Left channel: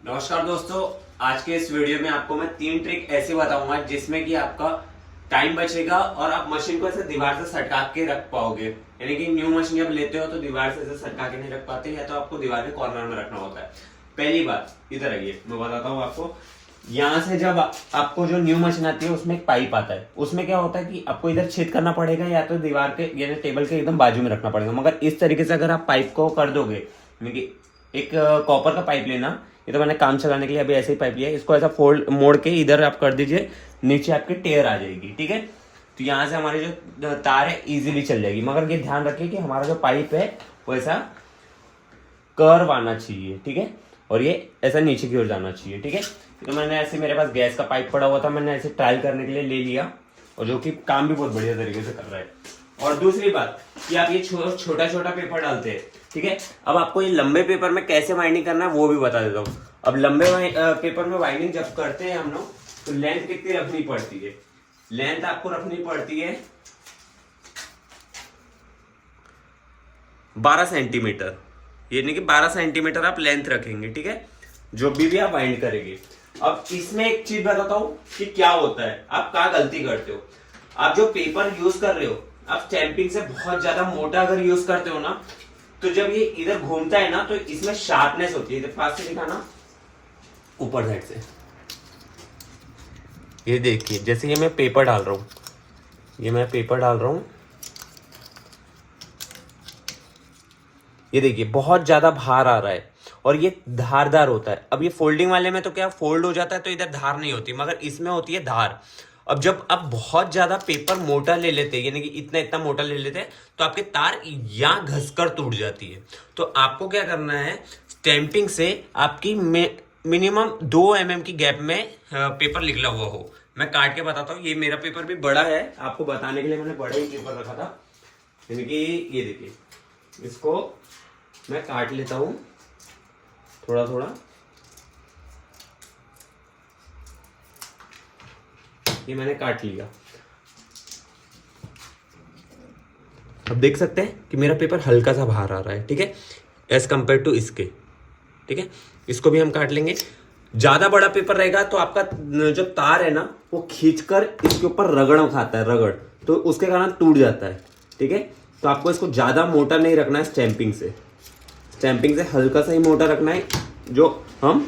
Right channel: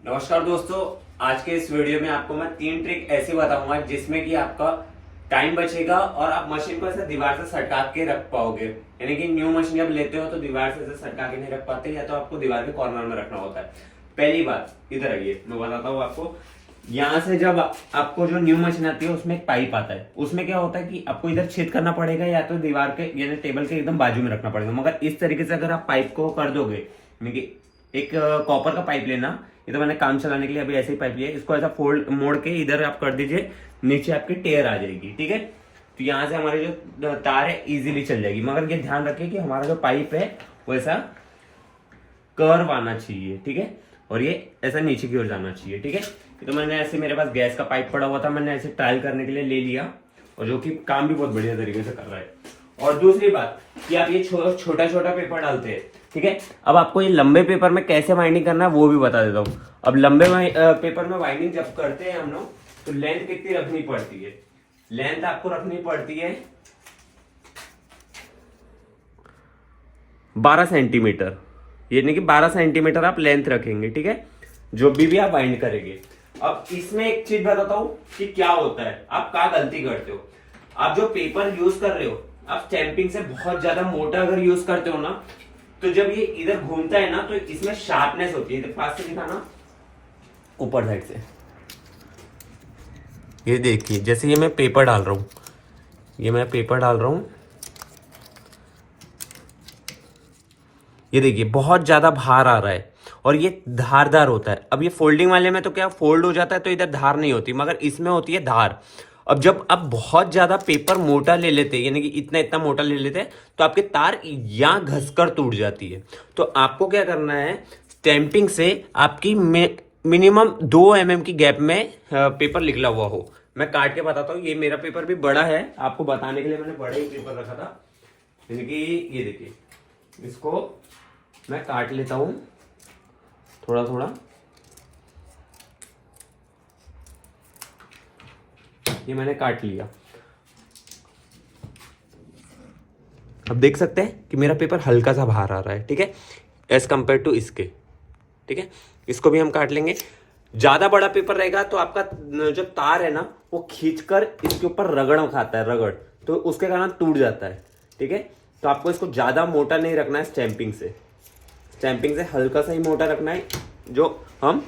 नमस्कार दोस्तों, आज के इस वीडियो में आपको मैं 3 ट्रिक ऐसी बताऊंगा जिसमें कि आपका टाइम बचेगा और आप मशीन को ऐसे दीवार से सटका के रख पाओगे। यानी कि न्यू मशीन जब लेते हो तो दीवार से ऐसे सटका के नहीं रख पाते, या तो आपको दीवार के कॉर्नर में रखना होता है। पहली बात, इधर आइए, मैं बताता हूँ आपको। यहाँ से जब आपको जो न्यू मशीन आती है उसमें एक पाइप आता है, उसमें क्या होता है कि आपको इधर छेद करना पड़ेगा या तो दीवार के यानी टेबल के एकदम बाजू में रखना पड़ेगा। मगर इस तरीके से अगर आप पाइप को कर दोगे, यानी कि एक कॉपर का पाइप लेना, ये तो मैंने काम चलाने के लिए अभी ऐसे ही पाइप लिया है, इसको ऐसा फोल्ड मोड़ के इधर आप कर दीजिए, नीचे आपकी टेयर आ जाएगी। ठीक है, तो यहाँ से हमारी जो तार है इजीली चल जाएगी। मगर ये ध्यान रखिए कि हमारा जो पाइप है वो ऐसा कर्व आना चाहिए। ठीक है, और ये ऐसा नीचे की ओर जाना चाहिए। ठीक है, तो मैंने ऐसे, मेरे पास गैस का पाइप पड़ा हुआ था, मैंने ऐसे ट्रायल करने के लिए ले लिया, और जो कि काम भी बहुत बढ़िया तरीके से कर रहा है। और दूसरी बात कि आप ये छोटा छोटा पेपर डालते हैं। ठीक है, अब आपको ये लंबे पेपर में कैसे वाइंडिंग करना है वो भी बता देता हूँ। अब लंबे पेपर में वाइंडिंग जब करते हैं हम लोग, तो लेंथ कितनी रखनी पड़ती है? लेंथ आपको रखनी पड़ती है 12 सेंटीमीटर, यानी कि 12 सेंटीमीटर आप लेंथ रखेंगे। ठीक है, जो भी आप वाइंड करेंगे। अब इसमें एक चीज बताता हूं कि क्या होता है, आप क्या गलती करते हो। आप जो पेपर यूज कर रहे हो, आप स्टैंपिंग से बहुत ज्यादा मोटा अगर यूज करते हो ना, तो जब ये इधर घूमता है ना, तो इसमें शार्पनेस होती है। पास से दिखाना, ऊपर साइड से, ये देखिए, जैसे ये मैं पेपर डाल रहा हूं, ये मैं पेपर डाल रहा हूं, ये देखिए बहुत ज्यादा भार आ रहा है और ये धारदार होता है। अब ये फोल्डिंग वाले में तो क्या फोल्ड हो जाता है तो इधर धार नहीं होती, मगर इसमें होती है धार। अब जब आप बहुत ज्यादा पेपर मोटा ले लेते हैं, यानी कि इतना इतना मोटा ले लेते हैं, तो आपके तार यहाँ घसकर टूट जाती है। तो आपको क्या करना है, स्टैंपिंग से आपकी मिनिमम 2 mm की गैप में पेपर निकला हुआ हो। मैं काट के बताता हूँ, ये मेरा पेपर भी बड़ा है, आपको बताने के लिए मैंने बड़ा ही पेपर रखा था। यानी कि ये देखिए, इसको मैं काट लेता हूं थोड़ा थोड़ा। ये मैंने काट लिया। अब देख सकते हैं कि मेरा पेपर हल्का सा बाहर आ रहा है। ठीक है, एज कंपेयर टू इसके। ठीक है, इसको भी हम काट लेंगे। ज्यादा बड़ा पेपर रहेगा तो आपका जो तार है ना, वो खींचकर इसके ऊपर रगड़ खाता है, रगड़, तो उसके कारण टूट जाता है। ठीक है, तो आपको इसको ज्यादा मोटा नहीं रखना है, स्टैंपिंग से हल्का सा ही मोटा रखना है, जो हम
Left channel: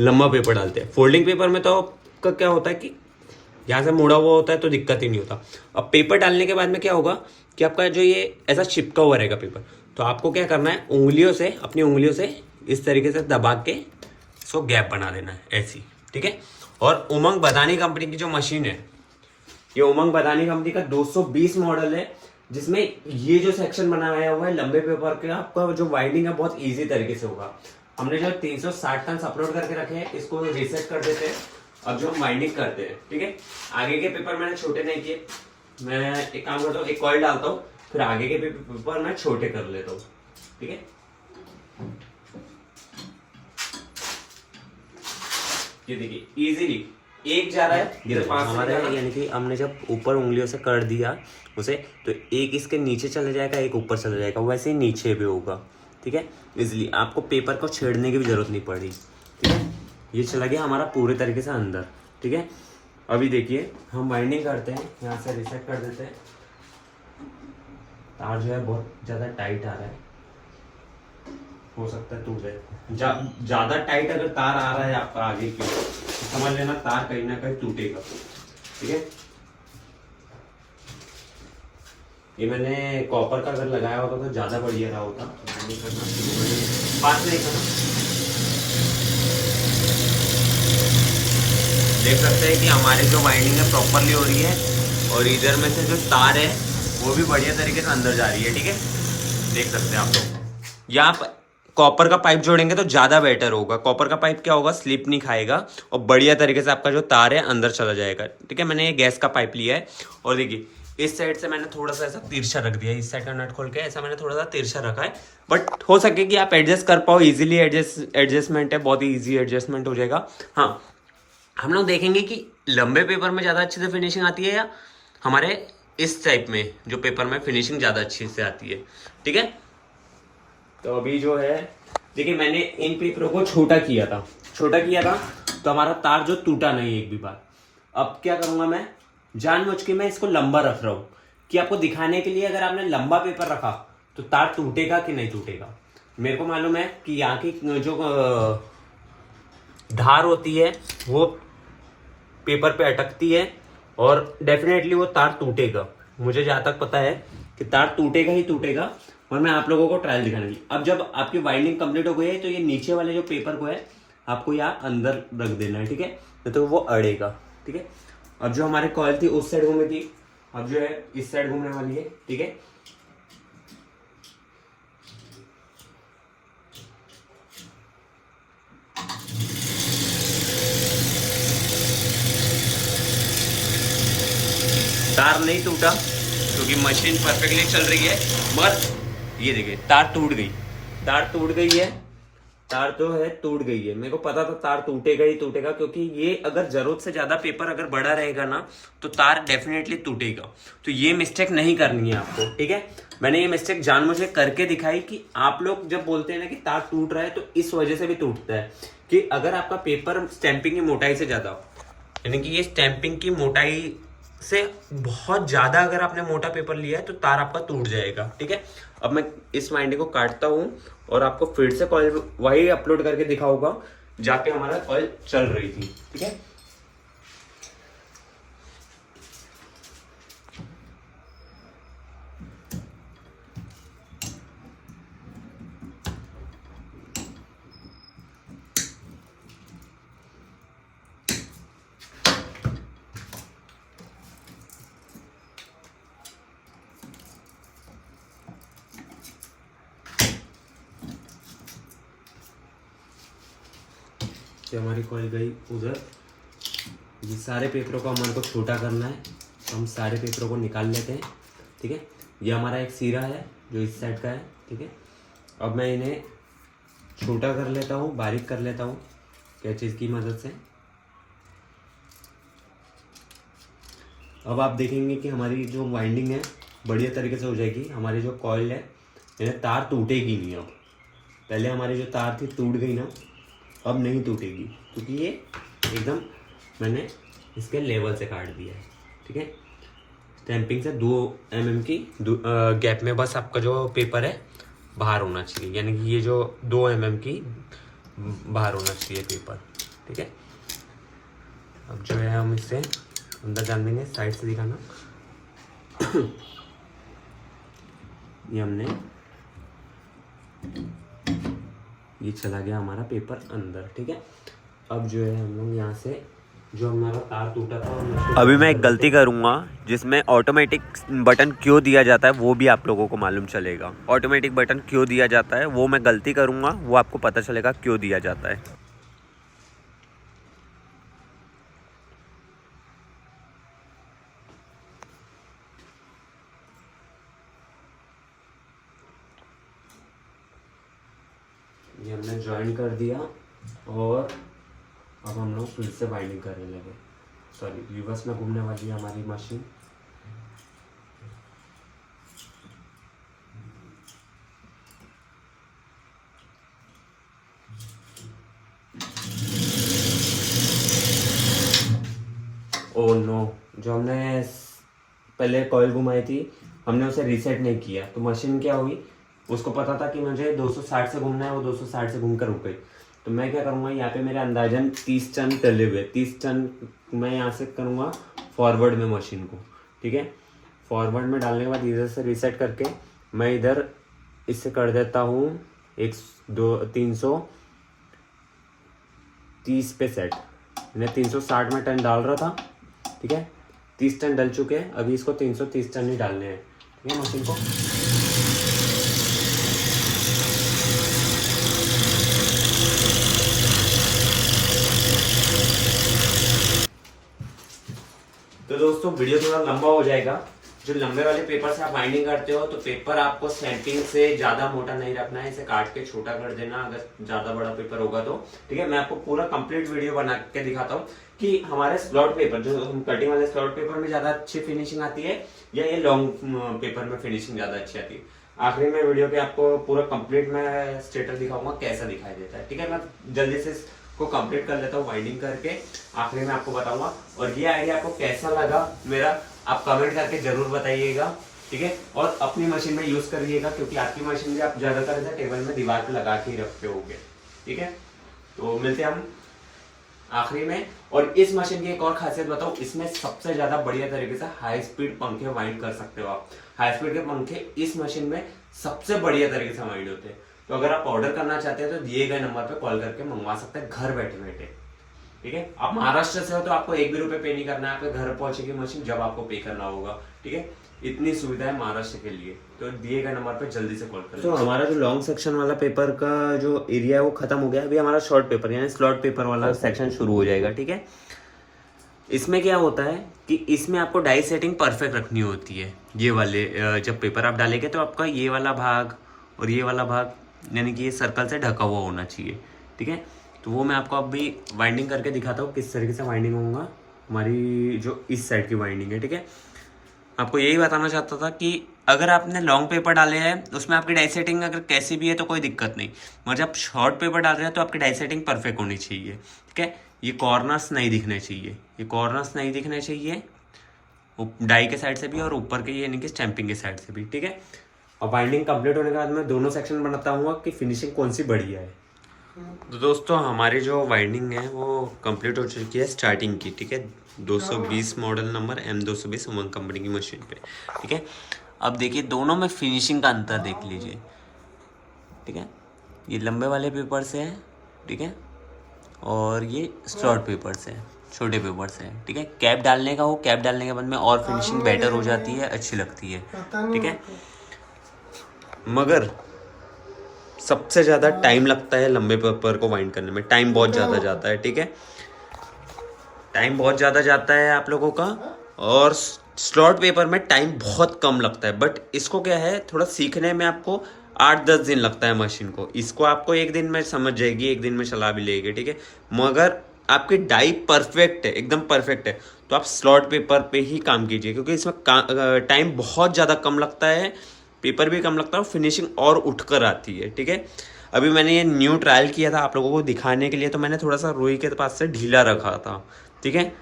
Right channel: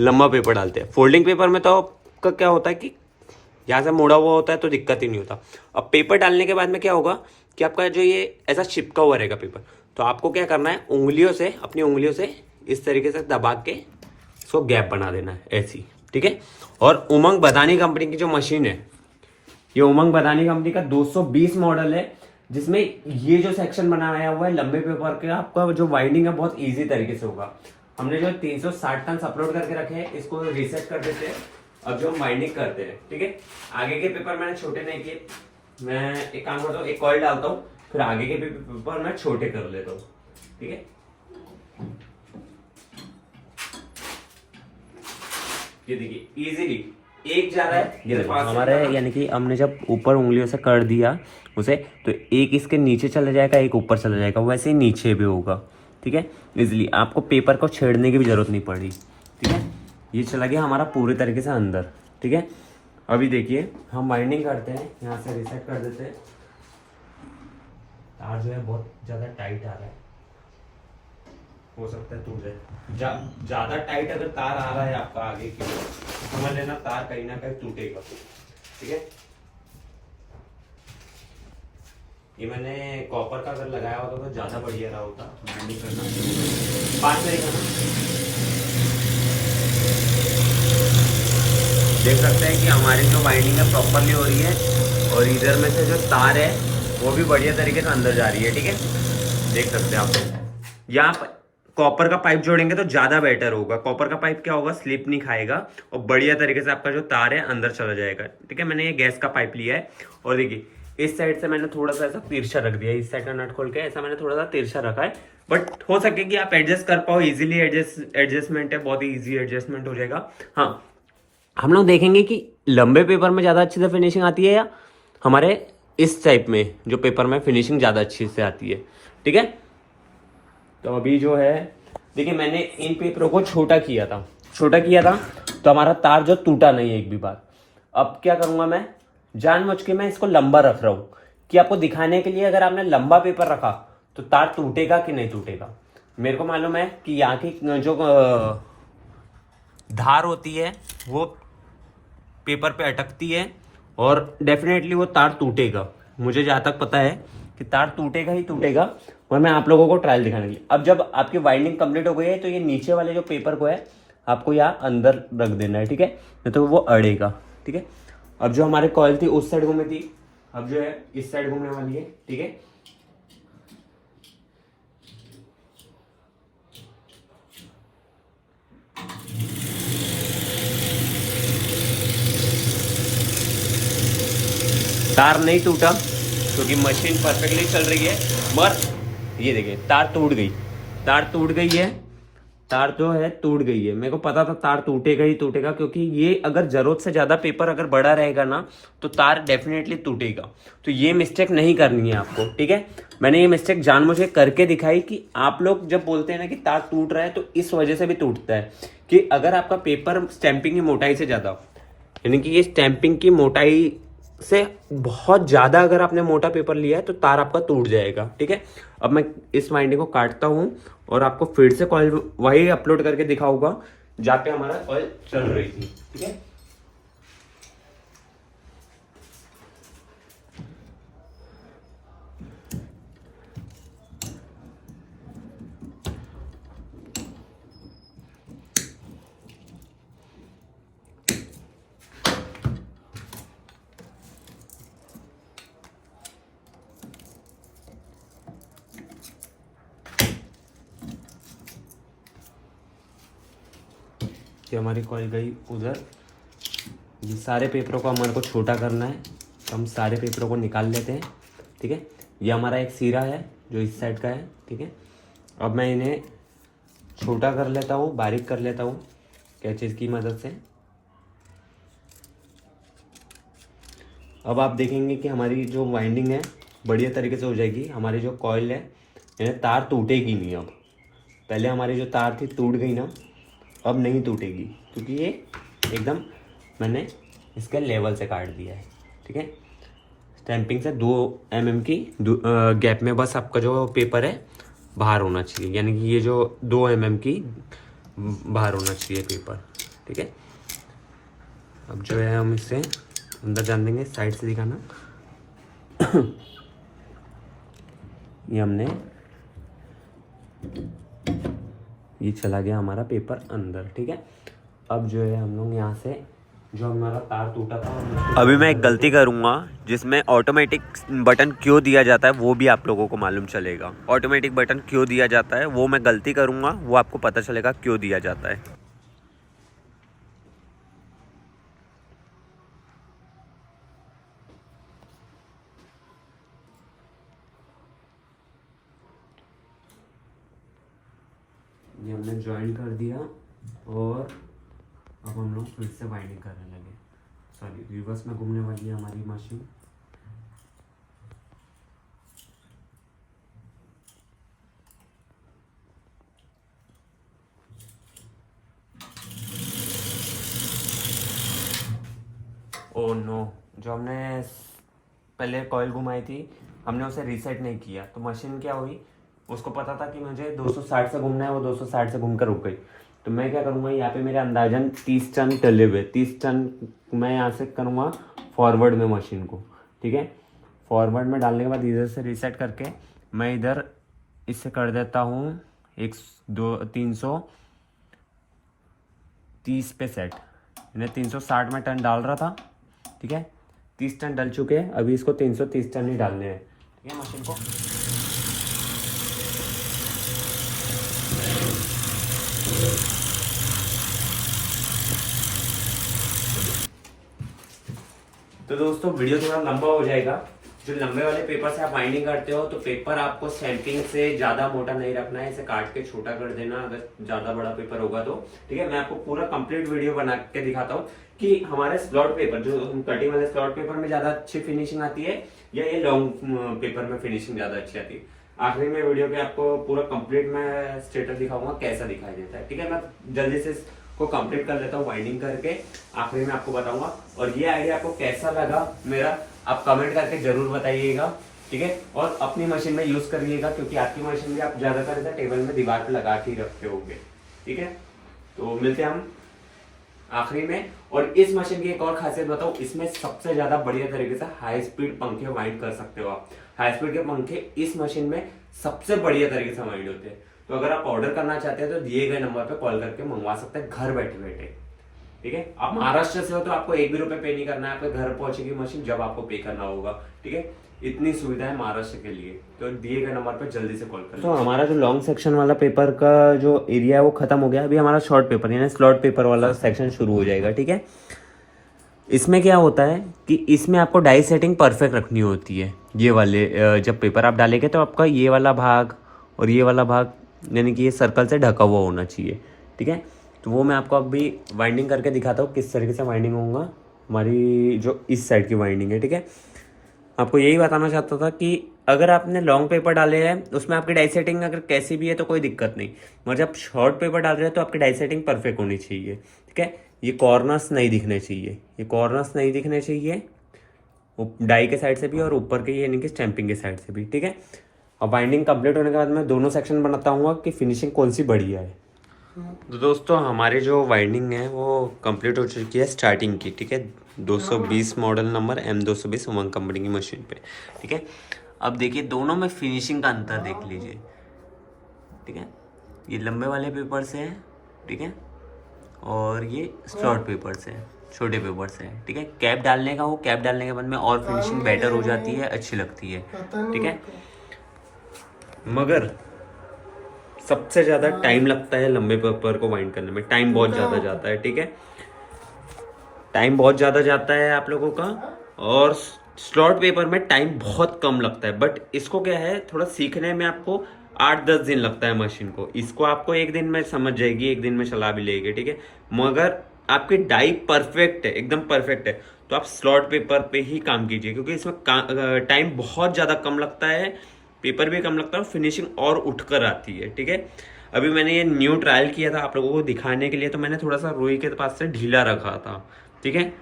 लंबा पेपर डालते हैं। फोल्डिंग पेपर में तो आपका क्या होता है कि यहाँ से मुड़ा हुआ होता है तो दिक्कत ही नहीं होता। अब पेपर डालने के बाद में क्या होगा कि आपका जो ये ऐसा चिपका हुआ रहेगा पेपर, तो आपको क्या करना है, उंगलियों से, अपनी उंगलियों से इस तरीके से दबा के इसको गैप बना देना है, ऐसी। ठीक है, और उमंग बदानी कंपनी की जो मशीन है, ये उमंग बदानी कंपनी का 220 मॉडल है, जिसमें ये जो सेक्शन बनाया हुआ है लंबे पेपर का, आपका जो वाइंडिंग है बहुत इजी तरीके से होगा। हमने जो 360 टन अपलोड करके रखे हैं, इसको रीसेट कर देते हैं। अब जो हम वाइंडिंग करते हैं, ठीक है, आगे के पेपर मैंने छोटे नहीं किए। मैं एक काम करता हूँ, एक कॉइल डालता हूँ, फिर आगे के पेपर मैं छोटे कर लेता हूँ। ठीक है, ये देखिए इजीली एक जा रहा है, ये हमारा है, यानी कि हमने जब ऊपर उंगलियों से कर दिया उसे, तो एक इसके नीचे चला जाएगा, एक ऊपर चला जाएगा, वैसे ही नीचे भी होगा। ठीक है, इजीली आपको पेपर को छेड़ने की भी जरूरत नहीं पड़ी। ठीक है, ये चला गया हमारा पूरे तरीके से अंदर। ठीक है, अभी देखिए हम वाइंडिंग करते हैं, यहाँ से रिसेट कर देते हैं। तार जो है बहुत ज्यादा टाइट आ रहा है, हो सकता है टूट जाए। ज्यादा टाइट अगर तार आ रहा है आपका आगे की, तो समझ लेना तार कहीं ना कहीं टूटेगा। ठीक है, ये मैंने कॉपर का अगर लगाया होता तो ज्यादा बढ़िया रहा होता। वाइंडिंग करना पास में देखना, देख सकते हैं कि हमारी जो वाइंडिंग है प्रॉपरली हो रही है, और इधर में से जो तार है वो भी बढ़िया तरीके से अंदर जा रही है। ठीक है, देख सकते हैं आप लोग। यहाँ कॉपर का पाइप जोड़ेंगे तो ज्यादा बेटर होगा। कॉपर का पाइप क्या होगा, स्लिप नहीं खाएगा और बढ़िया तरीके से आपका जो तार है अंदर चला जाएगा। ठीक है, मैंने ये गैस का पाइप लिया है, और देखिए इस साइड से मैंने थोड़ा सा ऐसा तिरछा रख दिया है, इस साइड का नट खोल के ऐसा मैंने थोड़ा सा तिरछा रखा है, बट हो सके कि आप एडजस्ट कर पाओ इजीली। एडजस्टमेंट है, बहुत ही ईजी एडजस्टमेंट हो जाएगा। हाँ, हम लोग देखेंगे कि लंबे पेपर में ज़्यादा अच्छी से फिनिशिंग आती है या हमारे इस टाइप में जो पेपर में फिनिशिंग ज़्यादा अच्छी से आती है। ठीक है, तो अभी जो है देखिए, मैंने इन पेपरों को छोटा किया था, छोटा किया था तो हमारा तार जो टूटा नहीं एक भी बार। अब क्या करूंगा मैं, जानबूझ के मैं इसको लंबा रख रहा हूँ कि आपको दिखाने के लिए, अगर आपने लंबा पेपर रखा तो तार टूटेगा कि नहीं टूटेगा। मेरे को मालूम है कि यहाँ की जो धार होती है वो पेपर पे अटकती है और डेफिनेटली वो तार टूटेगा। मुझे जहाँ तक पता है कि तार टूटेगा ही टूटेगा, और मैं आप लोगों को ट्रायल दिखाने के लिए। अब जब आपकी वाइंडिंग कंप्लीट हो गई है तो ये नीचे वाले जो पेपर को है आपको यहाँ अंदर रख देना है, ठीक है, नहीं तो वो अड़ेगा, ठीक है। अब जो हमारी कॉइल थी उस साइड घूमने थी, अब जो है इस साइड घूमने वाली है, ठीक है। तार नहीं टूटा क्योंकि मशीन परफेक्टली चल रही है, मगर ये देखिए तार टूट गई, तार टूट गई है, तार जो है टूट गई है। मेरे को पता था तार टूटेगा ही टूटेगा, क्योंकि ये अगर जरूरत से ज्यादा पेपर अगर बड़ा रहेगा ना तो तार डेफिनेटली टूटेगा। तो ये मिस्टेक नहीं करनी है आपको, ठीक है। मैंने ये मिस्टेक जानबूझ के करके दिखाई कि आप लोग जब बोलते हैं ना कि तार टूट रहा है तो इस वजह से भी टूटता है कि अगर आपका पेपर स्टैंपिंग की मोटाई से ज्यादा, यानी कि ये स्टैंपिंग की मोटाई से बहुत ज्यादा अगर आपने मोटा पेपर लिया है तो तार आपका टूट जाएगा, ठीक है। अब मैं इस वाइंडिंग को काटता हूं और आपको फिर से कॉइल वही अपलोड करके दिखाऊंगा जहाँ पे हमारा कॉइल चल रही थी, ठीक है। कि हमारी कॉइल गई उधर। ये सारे पेपरों को हमारे को छोटा करना है तो हम सारे पेपरों को निकाल लेते हैं, ठीक है। ये हमारा एक सिरा है जो इस साइड का है, ठीक है। अब मैं इन्हें छोटा कर लेता हूँ, बारीक कर लेता हूँ कैंची की मदद से। अब आप देखेंगे कि हमारी जो वाइंडिंग है बढ़िया तरीके से हो जाएगी। हमारी जो कॉइल है इन्हें तार टूटेगी नहीं। अब पहले हमारी जो तार थी टूट गई ना, अब नहीं टूटेगी क्योंकि ये एकदम मैंने इसके लेवल से काट दिया है, ठीक है। स्टैंपिंग से 2 mm की गैप में बस आपका जो पेपर है बाहर होना चाहिए, यानी कि ये जो 2 mm की बाहर होना चाहिए पेपर, ठीक है। अब जो है हम इसे अंदर जान देंगे, साइड से दिखाना। ये हमने, ये चला गया हमारा पेपर अंदर, ठीक है। अब जो है हम लोग यहाँ से जो हमारा तार टूटा था, अभी मैं एक गलती करूँगा जिसमें ऑटोमेटिक बटन क्यों दिया जाता है वो भी आप लोगों को मालूम चलेगा। ऑटोमेटिक बटन क्यों दिया जाता है वो मैं गलती करूँगा, वो आपको पता चलेगा क्यों दिया जाता है। ये हमने ज्वाइन कर दिया और अब हम लोग फिर से बाइंडिंग करने लगे। सॉरी, रिवर्स में घूमने वाली है हमारी मशीन। ओह नो, जो हमने पहले कॉइल घुमाई थी हमने उसे रीसेट नहीं किया तो मशीन क्या हुई, उसको पता था कि मुझे 260 से घूमना है, वो 260 से घूमकर रुक गई। तो मैं क्या करूँगा, यहाँ पे मेरे अंदाजन 30 टन टले हुए, 30 टन मैं यहाँ से करूँगा फॉरवर्ड में मशीन को, ठीक है। फॉरवर्ड में डालने के बाद इधर से रीसेट करके मैं इधर इससे कर देता हूँ 330 पे सेट। मैं 360 में टन डाल रहा था, ठीक है। 30 टन डल चुके हैं, अभी इसको 330 टन ही डालने हैं, ठीक है, मशीन को। तो दोस्तों वीडियो थोड़ा लंबा हो जाएगा। जो लंबे वाले पेपर से आप बाइंडिंग करते हो तो पेपर आपको स्टैंपिंग से ज्यादा मोटा नहीं रखना है, इसे काट के छोटा कर देना अगर ज्यादा बड़ा पेपर होगा तो, ठीक है। मैं आपको पूरा कंप्लीट वीडियो बना के दिखाता हूँ कि हमारे स्लॉट पेपर, जो कटिंग वाले स्लॉट पेपर में ज्यादा अच्छी फिनिशिंग आती है या ये लॉन्ग पेपर में फिनिशिंग ज्यादा अच्छी आती है। आखिर में वीडियो के आपको पूरा कंप्लीट मैं स्टेटस दिखाऊंगा कैसा दिखाई देता है, ठीक है। मैं जल्दी से को कंप्लीट कर लेता हूँ वाइंडिंग करके, आखिरी में आपको बताऊंगा। और ये आइडिया आपको कैसा लगा मेरा आप कमेंट करके जरूर बताइएगा, ठीक है। और अपनी मशीन में यूज करिएगा, क्योंकि आपकी मशीन भी आप ज्यादातर ऐसा टेबल में दीवार पे लगा के ही रखते होंगे, ठीक है। तो मिलते हैं हम आखिरी में। और इस मशीन की एक और खासियत बताऊं, इसमें सबसे ज्यादा बढ़िया तरीके से हाई स्पीड पंखे वाइंड कर सकते हो आप। हाई स्पीड के पंखे इस मशीन में सबसे बढ़िया तरीके से वाइंड होते हैं। तो अगर आप ऑर्डर करना चाहते हैं तो दिए गए नंबर पे कॉल करके मंगवा सकते हैं घर बैठे बैठे, ठीक है। आप महाराष्ट्र से हो तो आपको 1 भी रुपए पे नहीं करना है, आपके घर पहुंचेगी मशीन जब आपको पे करना होगा, ठीक है। इतनी सुविधा है महाराष्ट्र के लिए, तो दिए गए नंबर पे जल्दी से कॉल करें। तो हमारा जो लॉन्ग सेक्शन वाला पेपर का जो एरिया है वो खत्म हो गया, अभी हमारा शॉर्ट पेपर यानी स्लॉट पेपर वाला सेक्शन शुरू हो जाएगा, ठीक है। इसमें क्या होता है कि इसमें आपको डाई सेटिंग परफेक्ट रखनी होती है। ये वाले जब पेपर आप डालेंगे तो आपका ये वाला भाग और ये वाला भाग यानी कि ये सर्कल से ढका हुआ होना चाहिए, ठीक है। तो वो मैं आपको अभी वाइंडिंग करके दिखाता हूँ किस तरीके से वाइंडिंग होगा। हमारी जो इस साइड की वाइंडिंग है, ठीक है। आपको यही बताना चाहता था कि अगर आपने लॉन्ग पेपर डाले हैं उसमें आपकी डाई सेटिंग अगर कैसी भी है तो कोई दिक्कत नहीं, मगर जब शॉर्ट पेपर डाल रहे हैं तो आपकी डाई सेटिंग परफेक्ट होनी चाहिए, ठीक है। ये कॉर्नर्स नहीं दिखने चाहिए, ये कॉर्नर्स नहीं दिखने चाहिए डाई के साइड से भी और ऊपर के यानी कि स्टैंपिंग के साइड से भी, ठीक है। और बाइंडिंग कंप्लीट होने के बाद मैं दोनों सेक्शन बनाता हूँ कि फिनिशिंग कौन सी बढ़िया है। तो दोस्तों हमारी जो वाइंडिंग है वो कंप्लीट हो चुकी है स्टार्टिंग की, ठीक है। 220 मॉडल नंबर M220 उमंग कंपनी की मशीन पे, ठीक है। अब देखिए दोनों में फिनिशिंग का अंतर देख लीजिए, ठीक है। ये लंबे वाले पेपर से है, ठीक है, और ये शॉर्ट पेपर से है, छोटे पेपर से है, ठीक है। कैप डालने का हो, कैप डालने के बाद में और फिनिशिंग बेटर हो जाती है, अच्छी लगती है, ठीक है। मगर सबसे ज़्यादा टाइम लगता है लंबे पेपर को वाइंड करने में, टाइम बहुत ज़्यादा जाता है, ठीक है। टाइम बहुत ज़्यादा जाता है आप लोगों का, और स्लॉट पेपर में टाइम बहुत कम लगता है। बट इसको क्या है थोड़ा सीखने में आपको 8-10 दिन लगता है मशीन को। इसको आपको 1 दिन में समझ जाएगी, 1 दिन में चला भी लेगी, ठीक है। मगर आपकी डाई परफेक्ट है, एकदम परफेक्ट है, तो आप स्लॉट पेपर पे ही काम कीजिए, क्योंकि इसमें टाइम बहुत ज़्यादा कम लगता है, पेपर भी कम लगता है, फिनिशिंग और उठकर आती है, ठीक है। अभी मैंने ये न्यू ट्रायल किया था आप लोगों को दिखाने के लिए, तो मैंने थोड़ा सा रुई के पास से ढीला रखा था, ठीक है।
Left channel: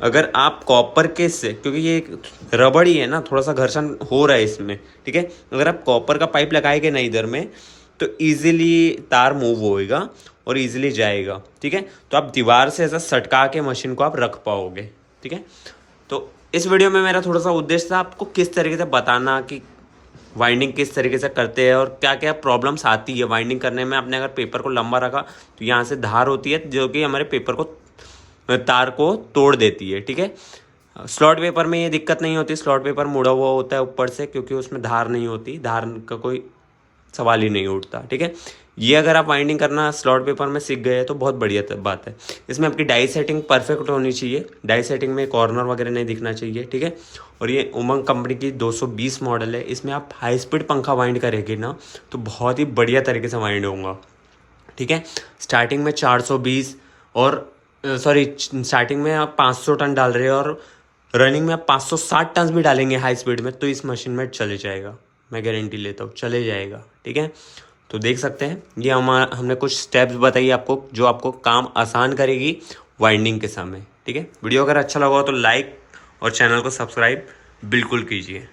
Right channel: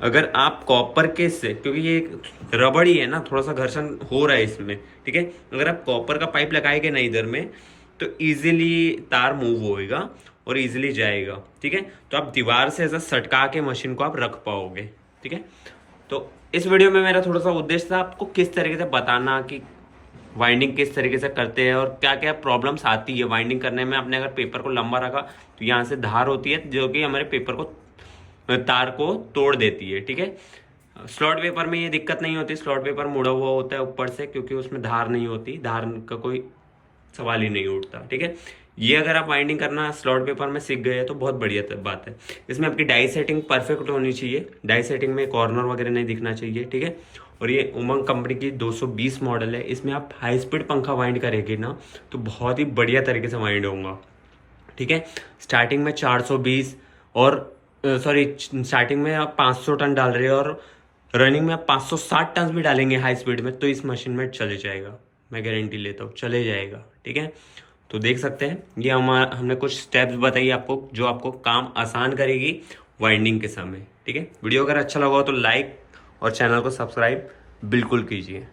अगर आप कॉपर के से, क्योंकि ये रबड़ ही है ना, थोड़ा सा घर्षण हो रहा है इसमें, ठीक है। अगर आप कॉपर का पाइप लगाएंगे ना इधर में तो इजीली तार मूव होएगा और इजीली जाएगा, ठीक है। तो आप दीवार से ऐसा सटका के मशीन को आप रख पाओगे, ठीक है। तो इस वीडियो में मेरा थोड़ा सा उद्देश्य था आपको किस तरीके से बताना कि वाइंडिंग किस तरीके से करते हैं और क्या क्या प्रॉब्लम्स आती है वाइंडिंग करने में। आपने अगर पेपर को लंबा रखा तो यहाँ से धार होती है जो कि हमारे पेपर को, तार को तोड़ देती है, ठीक है। स्लॉट पेपर में ये दिक्कत नहीं होती, स्लॉट पेपर मुड़ा हुआ होता है ऊपर से, क्योंकि उसमें धार नहीं होती, धार का कोई सवाल ही नहीं उठता, ठीक है। ये अगर आप वाइंडिंग करना स्लॉट पेपर में सीख गए तो बहुत बढ़िया बात है। इसमें आपकी डाई सेटिंग परफेक्ट होनी चाहिए, डाई सेटिंग में कॉर्नर वगैरह नहीं दिखना चाहिए, ठीक है। और ये उमंग कंपनी की 220 मॉडल है, इसमें आप हाई स्पीड पंखा वाइंड करेंगे ना तो बहुत ही बढ़िया तरीके से वाइंड होगा, ठीक है। स्टार्टिंग में 420 और स्टार्टिंग में आप 500 टन डाल रहे हो और रनिंग में आप 560 टन भी डालेंगे हाई स्पीड में तो इस मशीन में चले जाएगा, मैं गारंटी लेता हूँ चले जाएगा, ठीक है। तो देख सकते हैं ये हमने कुछ स्टेप्स बताई आपको जो आपको काम आसान करेगी वाइंडिंग के समय, ठीक है। वीडियो अगर अच्छा लगा हो तो लाइक और चैनल को सब्सक्राइब बिल्कुल कीजिए।